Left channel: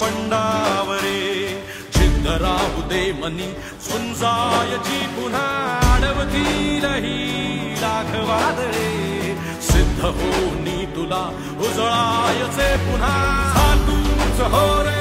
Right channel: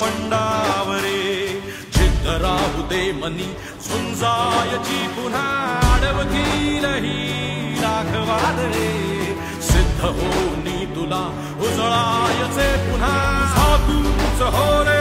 पंडावरे जिद्द राहू दे मनी झुंजायची पुन्हा अडवतीलही लाख वादळे सिद्ध होनी तुला उजळायचे पुन्हा हो रे